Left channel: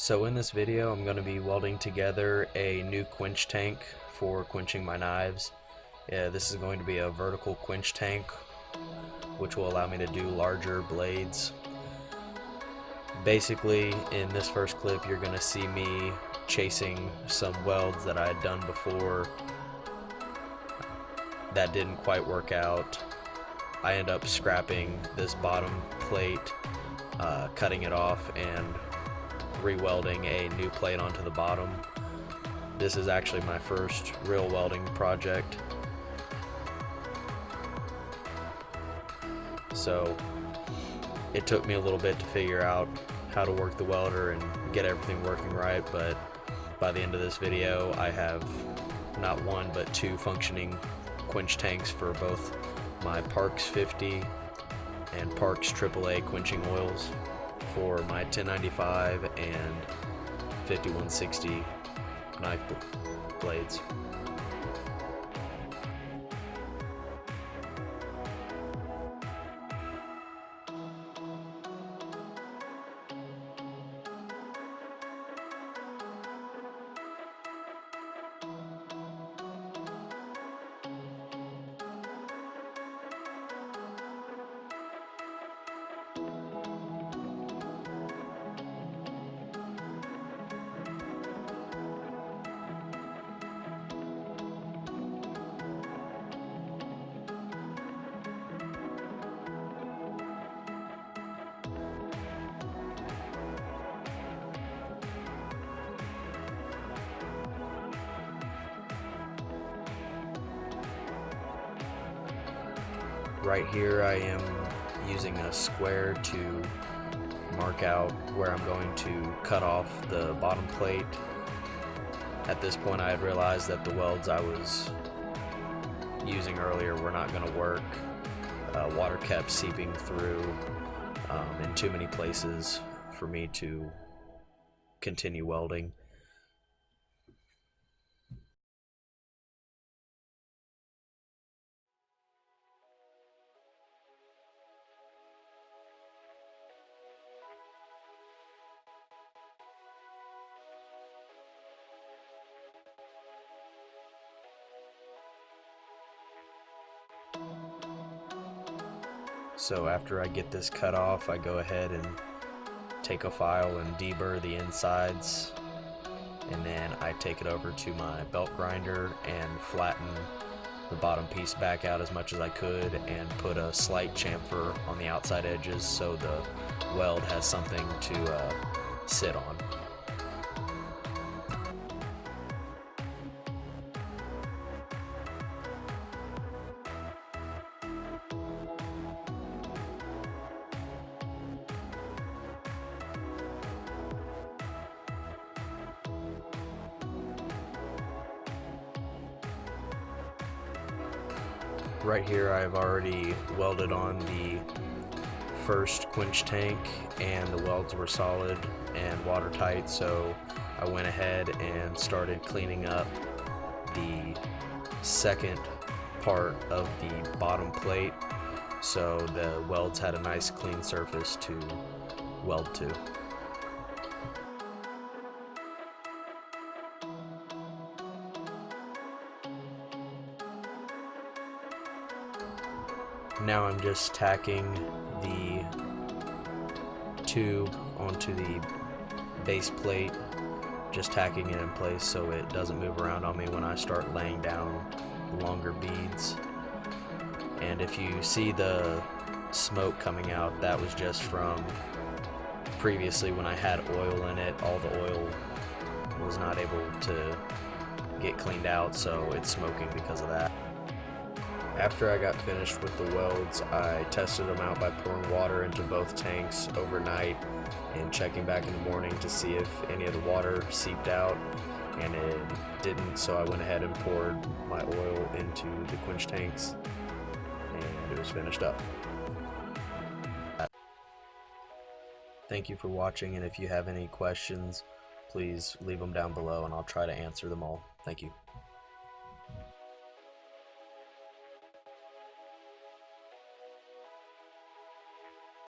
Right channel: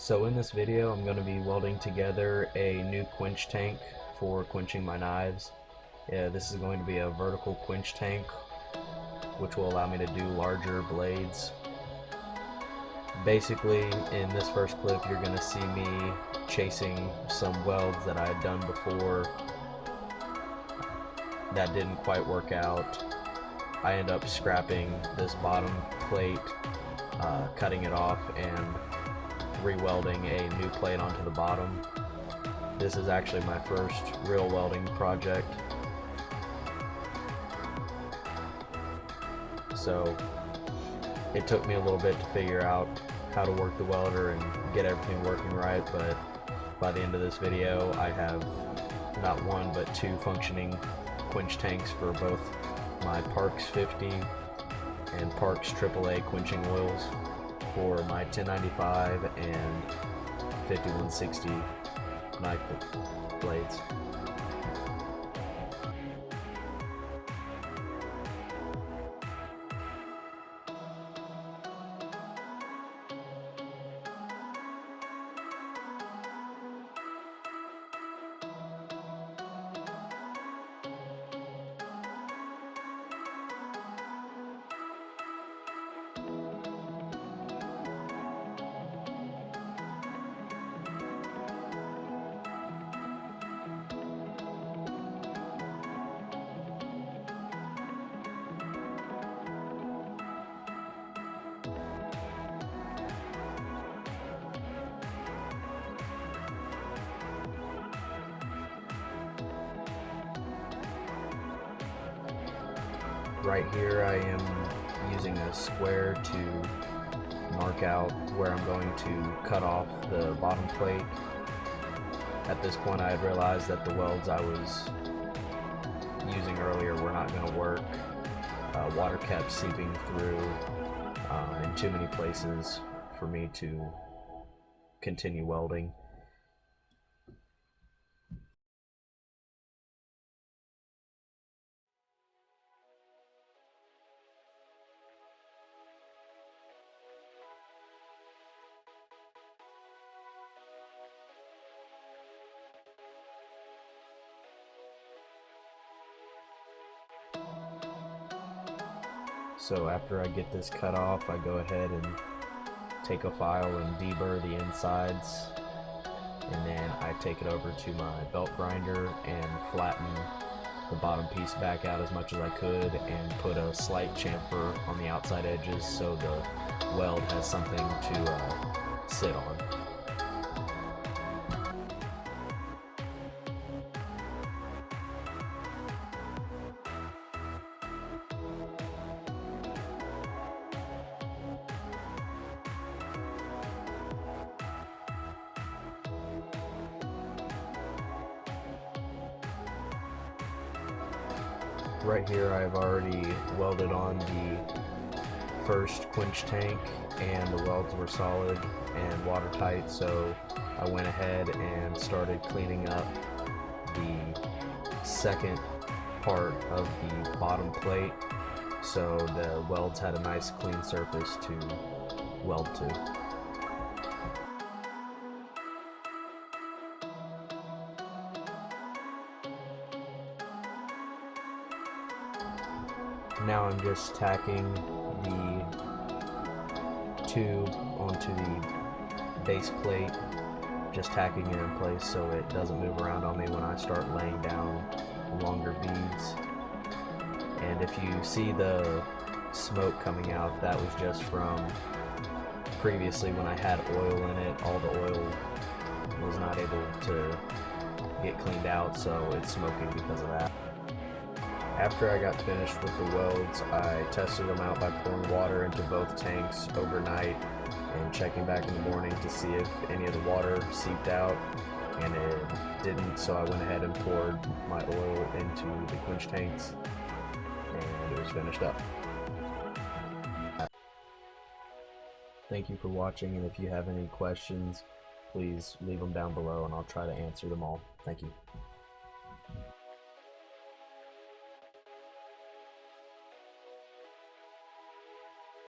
So in this video I'm going to be welding together a new quench tank for quenching my knives. This is going to be a vertical quench tank which will allow me to do larger blades. Basically in this first clip you're going to see me chasing some welds that I had done before that didn't quite work out. I end up scrapping this bottom plate, cutting it off and re-welding a new plate onto the bottom. This is actually my first real welding project. So it took me a little bit to figure out how to work the welder and get everything working right, but by the end of this video I have not one but two functioning quench tanks for both my Parks 50 and Parks AAA quenching oils for my 1095 and 5160 knife blades. Right here I am using a square to mark out where I'm going to cut off the bottom plate. At this point I had realized that the welds I was using earlier were not going to work. Water kept seeping through in too many places for me to continue welding. So after I get this cut off, I go ahead and take a file and deburr the insides, and then I take it over to my belt grinder and flatten the bottom piece back out as much as I could and put a slight chamfer on the outside edges so the weld has something to sit on. Right here I have already welded on the first quench tank and the welds were solid and watertight, so I went ahead and started cleaning up the second part of the bottom plate so the welds had a nice clean surface to weld to. Now I'm just tacking the tube onto the base plate, just tacking it in place so it doesn't move around on me when I start laying down longer beads. And if you see the smoke coming out, that was just from previously when I had oil in it. All the oil was not able to get cleaned out, so it's smoking because of that. After I got finished with the welds, I tested them out by pouring water into both tanks overnight and checking back in the morning to see if any of the water seeped out, and it didn't, so I went ahead and poured my oil into the quench tanks and it was finished up. Thank you for watching, and if you have any questions, please leave them down below and I'll try to answer them all. Thank you.